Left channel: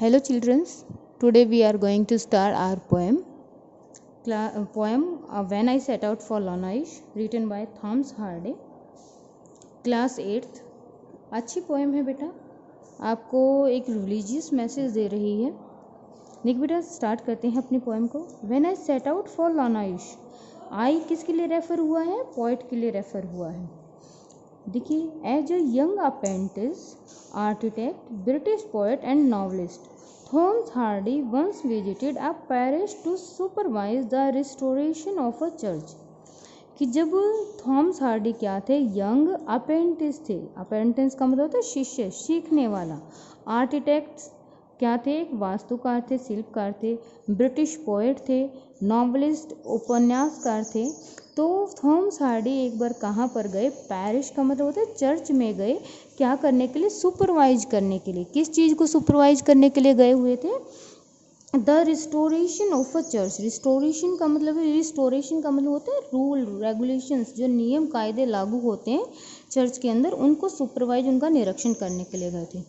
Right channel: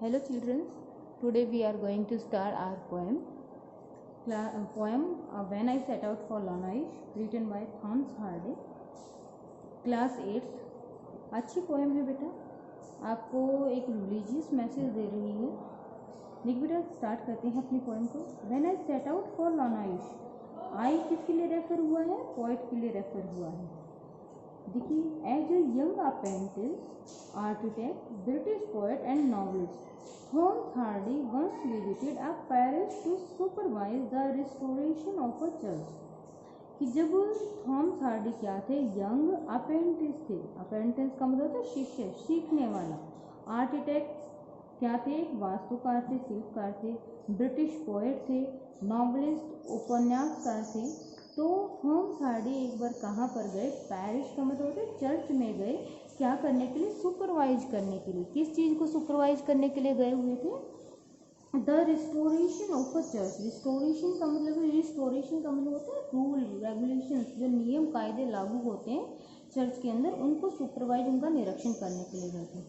Hello children, today we are going to start our poem. When I Set Out for Lonnais, written by Thomas Hardy. Class 8th। अच्छी poem है बेटा, आपको एक religious message दे रही है। देख बेटा, स्टार्ट करते हैं अपनी पोएम को। When I set out for Lyonnesse, I किसके लिए रेफर हुआ है? पोइट के लिए रेफर हुआ है। देखिए, as a young apprentice architect, British poet and novelist, Thomas Hardy once visited a parish to supervise the restoration of a church। कि जब थॉमस हार्डी क्या थे? यंग अप्रेंटिस थे। अप्रेंटिस का मतलब होता है शिष्य, सीखने वाला। आर्किटेक्ट्स क्या थे? एक वास्तुकार थे, शिल्पकार थे। ब्रिटिश पोएट थे, नॉवलिस्ट उपन्यासकार थे। तो थॉमस हार्डी एक बार कहाँ पर गए? पैरिश का मतलब होता है चर्च में गए। क्या करने के लिए? सुपरवाइज करने के लिए। किस चीज़ को सुपरवाइज करने के लिए गए हुए थे? The restoration of a church. Restoration का मतलब होता है रूल रेगुलेशंस, जो नियम कायदे लागू होते हैं चर्च के अंदर, उनको सुपरवाइज, उनका निरीक्षण करने के लिए गए थे।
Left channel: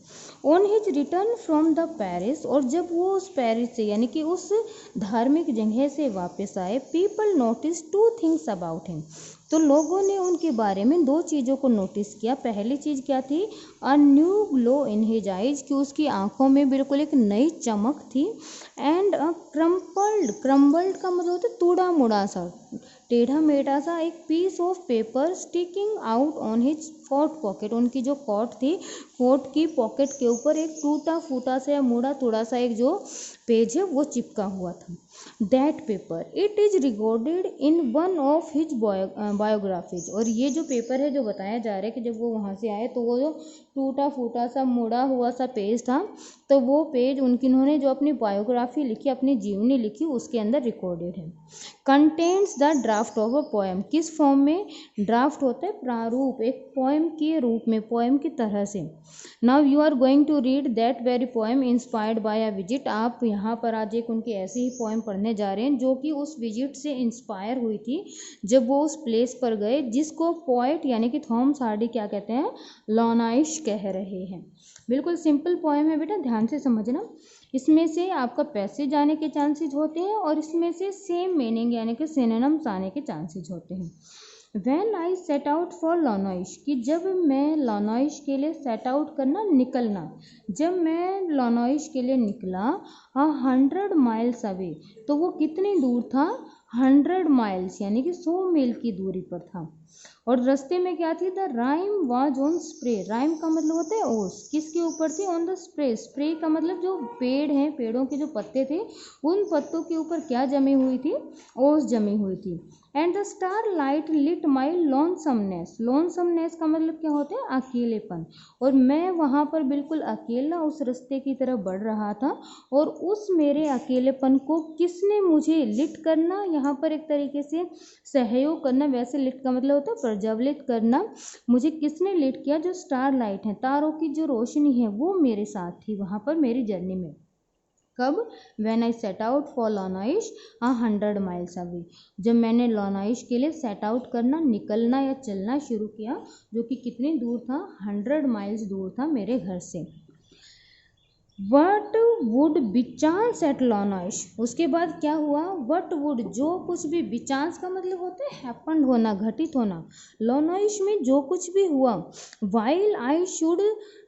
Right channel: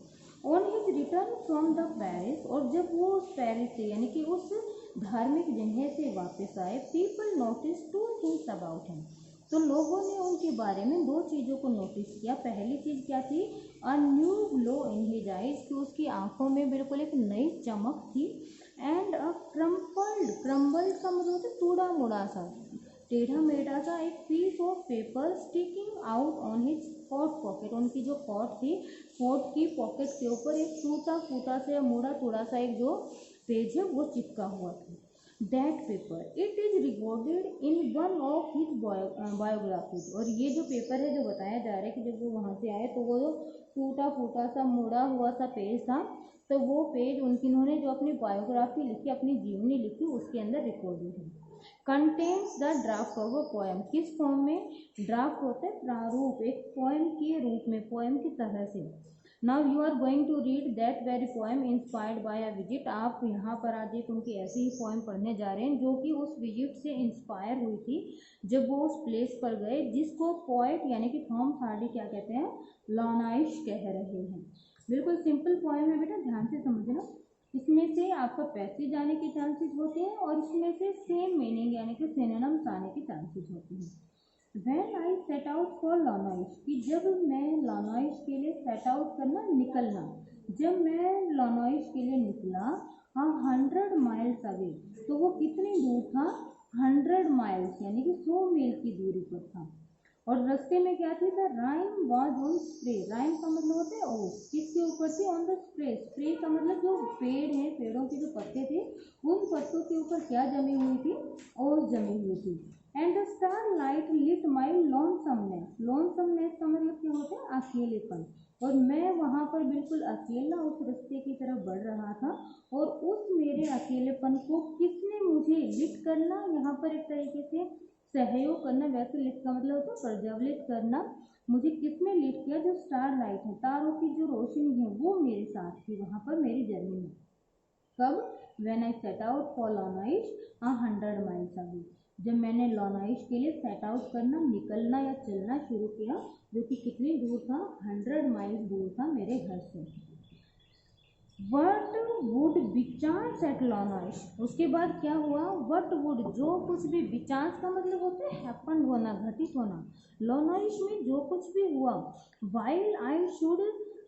On his return from the Paris, और जब वो उस पैरिस से यानी कि उस धार्मिक जगह से वापस आए, people notice two things about him. तो लोगों ने उनके बारे में दो चीज़ों को नोटिस किया। पहली चीज़ क्या थी? A new glow in his eyes, कि उसकी आंखों में बिल्कुल एक नई चमक थी। एंड अ क्रम्बल्ड का मतलब होता है टूटा मुड़ा सा, टेढ़ा मेढ़ा सा एक piece of paper sticking out on his coat pocket. उनकी जो कोट थी, कोट की पॉकेट के ऊपर एक टूटा फूटा सा या मुड़ा तोड़ा सा एक जो पेज है वो चिपका हुआ था। That paper it is recorded in one of his biographies. और ये जो पेपर है, जो बताया जा रहा है कि जब वो वहाँ से आए तो वो जो टूटा फूटा सा मुड़ा हुआ सा पेज था, तो वो पेज उन्होंने जो अपनी बायोग्राफी लिखी, अपनी जीवनी लिखी, उसके अंदर रिकॉर्डेड है। Contains the draft of a poem. किस फॉर्म में? ड्राफ्ट होता है प्रारूप, एक पोएम के रूप में, पोएम की तरह से। Now you are going to read that very poem inspired by a visit. आप यहाँ पर आज एक उनकी ऐसी ही पोएम पढ़ने जा रहे हैं जो कि उस विजिट से इंस्पायर हुई थी, जब वो उस प्लेस पर गए जिसको पोएट यानी कि थॉमस हार्डी क्या कहते हैं? लॉनाइश कह रहे हैं। बिल्कुल सिंपल पोएम है बेटा, ध्यान से समझना। इसमें से आपका पैसेज आने के चांसेस होते हैं और इसमें से सेम मीनिंग यानी कि सिनोनिम्स आने के चांसेस होते हैं। When I set out for लॉनाइश, कि जब मैं लॉनाइश के लिए सेट आउट करना, निकलना, जब मैं लॉनाइश के लिए निकला, 100 माइल्स अवे, तो वो कितनी दूर था? 100 माइल्स यानी कि 100 मील की दूरी पर था। और रास्ते में क्या थी? The rhyme was on spray. Rhyme का मतलब होता है ओस। किसके ऊपर थी? On the spray. स्प्रे का मतलब जो पेड़ हैं, पेड़ों के जो पत्ते थे, उन पत्तों के ऊपर क्या जमी हुई थी? ओस जमी हुई थी। And the starlight lit my lonesomeness. Lonesomeness का मतलब क्या होता है? अकेलेपन। और मैं वहाँ पर बिल्कुल अकेला उस रास्ते की तरफ बढ़ रहा था, और उस मेरे अकेलेपन को किसने मुझे लिट करना, यहाँ पर एक तरीके से सहयोग करना, वैसे लिट का मतलब होता है प्रज्वलित करना, मुझे किसने लिट किया? जो स्टार लाइट है, तारों की जो रोशनी है, वो मेरे साथ थी वहाँ पर मेरी जर्नी में। कब? When I set out for लॉनाइश 100 miles away, जब मैंने लॉनाइश के लिए सेट आउट करना, निकलना या चलना शुरू किया, जो कि कितनी दूर था? 100 माइल्स दूर था मेरे घर से। वट वुड बिचांस एट लॉनाइश, उसके बाद क्या हुआ? वट वुड, जो कुछ भी, बिचांस का मतलब होता है हैपन्ड होना, घटित होना। लॉनाइश में जो कुछ भी हुआ, वाइल आई शुड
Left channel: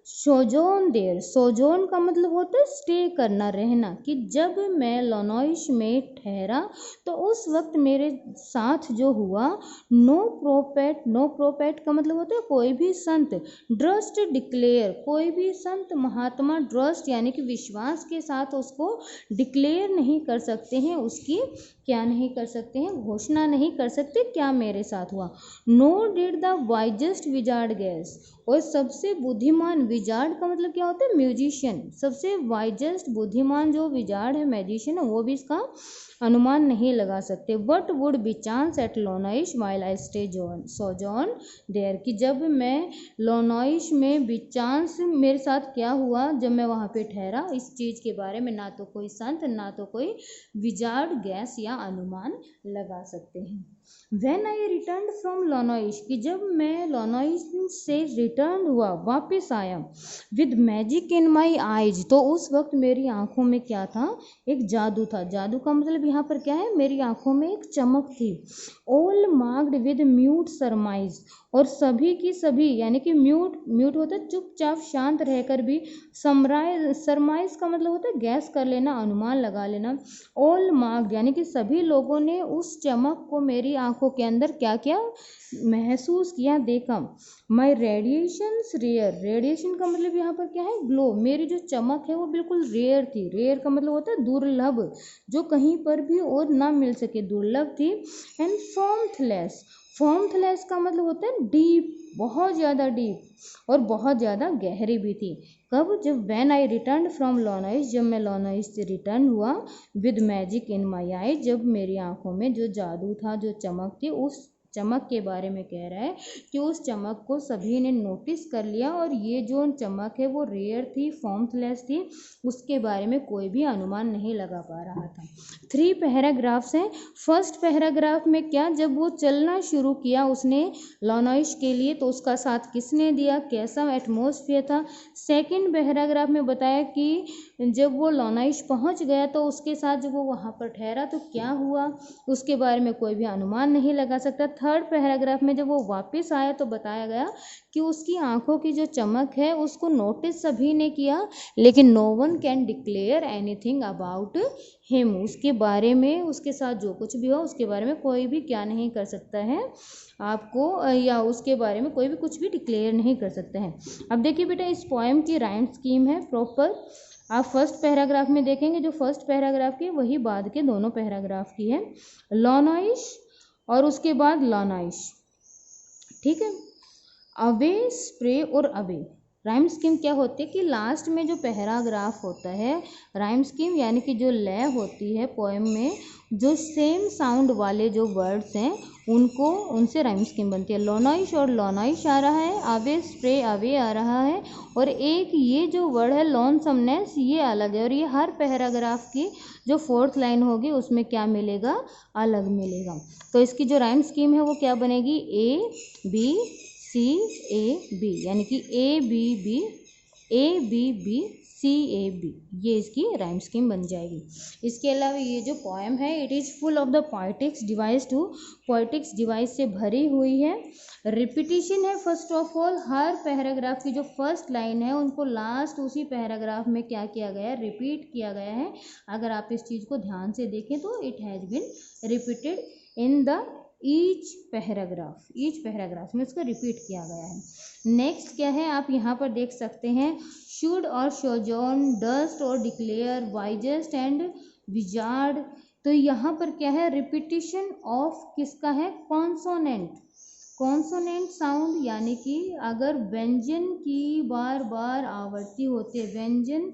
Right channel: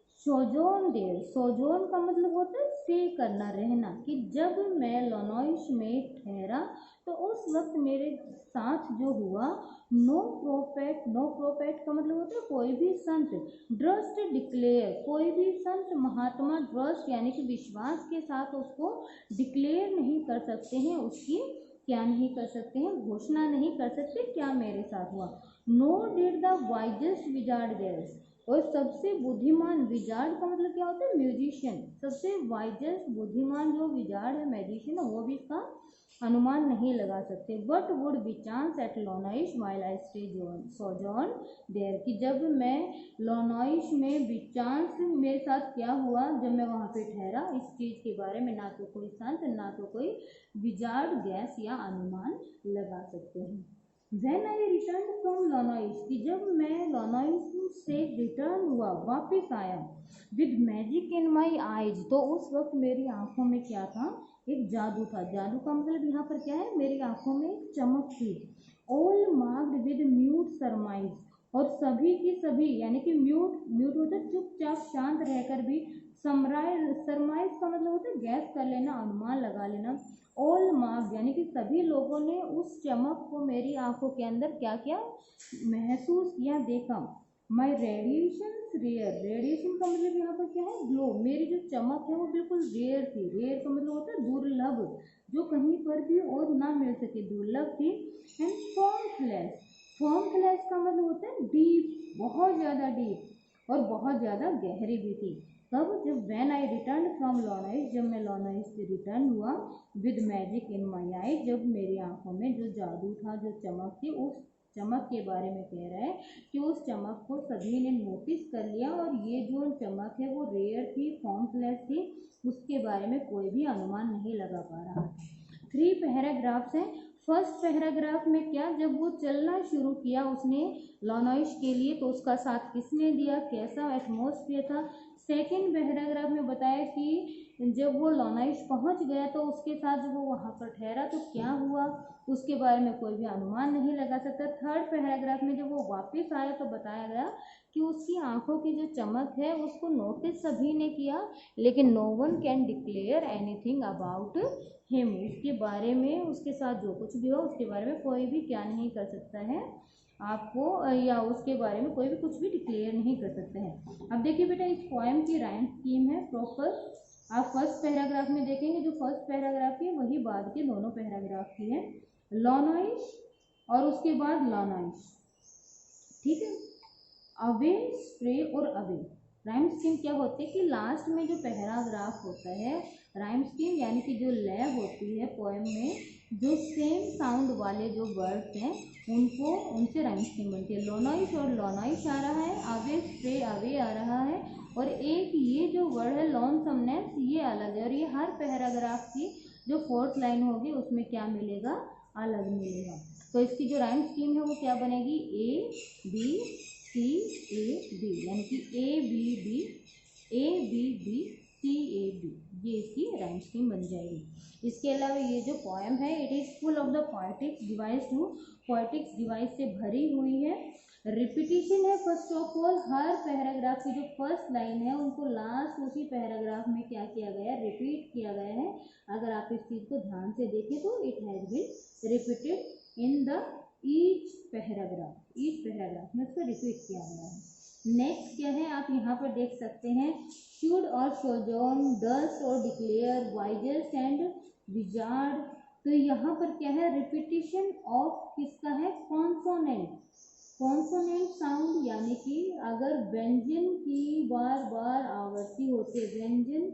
सोजोन देर। सोजोन का मतलब होता है स्टे करना, रहना, कि जब मैं लॉनाइश में ठहरा तो उस वक्त मेरे साथ जो हुआ, नो प्रोपेट का मतलब होता है कोई भी संत, ड्रस्ट डिक्लेयर, कोई भी संत महात्मा, ड्रस्ट यानी कि विश्वास के साथ उसको डिक्लेयर नहीं कर सकते हैं, उसकी क्या नहीं कर सकते हैं? घोषणा नहीं कर सकते क्या मेरे साथ हुआ। No did the wisest wizard guess, और सबसे बुद्धिमान, विजार्ड का मतलब क्या होता है? म्यूजिशियन। सबसे वाइजेस्ट, बुद्धिमान जो विजार्ड है, मैजिशियन है, वो भी इसका अनुमान नहीं लगा सकते। What would bechance at Lyonnesse while I stay sojourn there, कि जब मैं लॉनाइश में बिचांस, मेरे साथ क्या हुआ जब मैं वहाँ पे ठहरा, इस चीज़ के बारे में ना तो कोई संत, ना तो कोई विजार्ड गैस या अनुमान लगा सकते हैं। व्हेन आई रिटर्न फ्रॉम लॉनॉइस, कि जब मैं लॉनॉइस से रिटर्न हुआ, वापस आया, with magic in my eyes, तो उस वक्त मेरी आंखों में क्या था, एक जादू था। जादू का मतलब यहाँ पर क्या है, मेरी आंखों में एक चमक थी। ऑल मार्क्ड विद म्यूट सरमाइज, और सभी की सभी, यानी कि म्यूट, म्यूट होता है चुपचाप शांत रहकर भी, सरमाइज का मतलब होता है गैस कर लेना, अनुमान लगा लेना। ऑल मार्क्ड यानी कि सभी लोगों ने उस चमक को मेरी आंखों के अंदर क्या किया, महसूस किया, देखा। माई रेडिएशंस रेयर, रेडिएशन का मतलब यहाँ पर क्या है, ग्लो, मेरी जो चमक है वो बिल्कुल रेयर थी। रेयर का मतलब होता है दुर्लभ, जो कहीं पर भी और ना मिल सके, दुर्लभ थी। एंड फॉर्मथलेस, फॉर्मथलेस का मतलब होता है डीप, बहुत ज़्यादा डीप और बहुत ज़्यादा गहरी भी थी। कब, जब व्हेन आई रिटर्न फ्रॉम लॉनॉइस, जब मैं लॉनॉइस से रिटर्न हुआ, विद मैजिक इन माई आई, जब मेरी आंखों में जो जादू था, जो चमक थी, उस चमक के बारे में कह रहा है कि उस चमक को सभी ने नोटिस कर लिया, और ये जो चमक है वो रेयर थी, फॉर्मलेस थी, उसके बारे में कोई भी अनुमान नहीं लगा पा रहा था। 3 पैराग्राफ्स हैं। फर्स्ट पैराग्राफ में क्या, जब वो चलना शुरू किया उसने लॉनॉइस के लिए, तो उसका साथ किसने दिया, कैसा एटमॉस्फेयर था। सेकंड पैराग्राफ में बताया कि जब वो लॉनॉइस पहुंच गया तो उसके साथ जब वो वहाँ पर ठहरा तो क्या हुआ, उसके बारे में कोई भी अनुमान नहीं लगा सकता। थर्ड पैराग्राफ में जब वो वापस आया तो बताया गया कि उसकी आंखों की जो चमक है उसको नोटिस सभी ने किया, लेकिन no one can declare anything about him, उसके बारे में, उसके साथ जो कुछ भी हो उसके बारे में कोई भी क्या नहीं कर सकता है आपको, या उसके बारे में कोई भी कुछ भी डिक्लेयर नहीं कर सकते हैं। अब देखिए बेटा, इस पोएम की राइम स्कीम है प्रॉपर। आप फर्स्ट पैराग्राफ में देखेंगे, जो फर्स्ट पैराग्राफ की वही बाद के दोनों पैराग्राफ की है। लॉनॉइस और उसके बाद लॉनॉइस, ठीक है। अवे, स्प्रे और अवे, राइम स्कीम क्या होती है कि लास्ट में जो पैराग्राफ होता है, राइम स्कीम यानी कि जो लय होती है पोएम में, जो सेम साउंड वाले जो वर्ड्स हैं उनको, उनसे राइम स्कीम बनती है। लॉनॉइस और लॉनॉइस आ रहा है, अवे स्प्रे अवे आ रहा है, और एक ये जो वर्ड है लॉनसमनेस, ये अलग है, और ये हर पैराग्राफ की जो फोर्थ लाइन होगी उसमें क्या मिलेगा, अलग मिलेगा। तो इसकी जो राइम स्कीम है वो क्या बनेगी, A B C A B, यानी कि A B B, A B B C A B, ये इसकी राइम स्कीम बन जाएगी। इसके अलावा ये जो पोएम है, it is full of the poetics device too, poetics device से भरी हुई है। रिपीटिशन है फर्स्ट ऑफ ऑल, हर पैराग्राफ की जो फर्स्ट लाइन है उनको लास्ट उसी पैराग्राफ में क्या किया गया है, रिपीट किया गया है। अगर आप इस चीज़ को ध्यान से देखें तो it has been repeated in the each paragraph में उसको रिपीट किया गया है। नेक्स्ट क्या है, आप यहाँ पर देख सकते हैं, शुड और शोजॉन, डस्ट और डिक्लेयर, वाइजेस्ट एंड विजार्ड। तो यहाँ पर क्या है, रिपीटिशन ऑफ किसका है, कॉन्सोनेंट, कॉन्सोनेंट साउंड, यानी कि अगर व्यंजन की बार बार आवृत्ति होती है, व्यंजन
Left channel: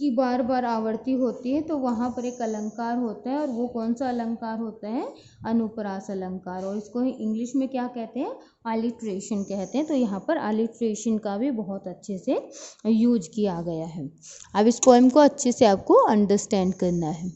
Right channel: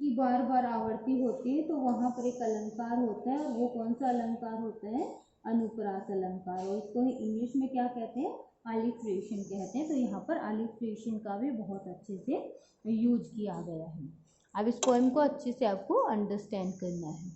की बार बार आवृत्ति होती है, तो वहाँ पर एक अलंकार होता है, और वो कौन सा अलंकार होता है, अनुप्रास अलंकार, और इसको इंग्लिश में क्या कहते हैं, अलिट्रेशन कहते हैं। तो यहाँ पर अलिट्रेशन का भी बहुत अच्छे से यूज किया गया है। अब इस पोएम को अच्छे से आपको अंडरस्टैंड करना है।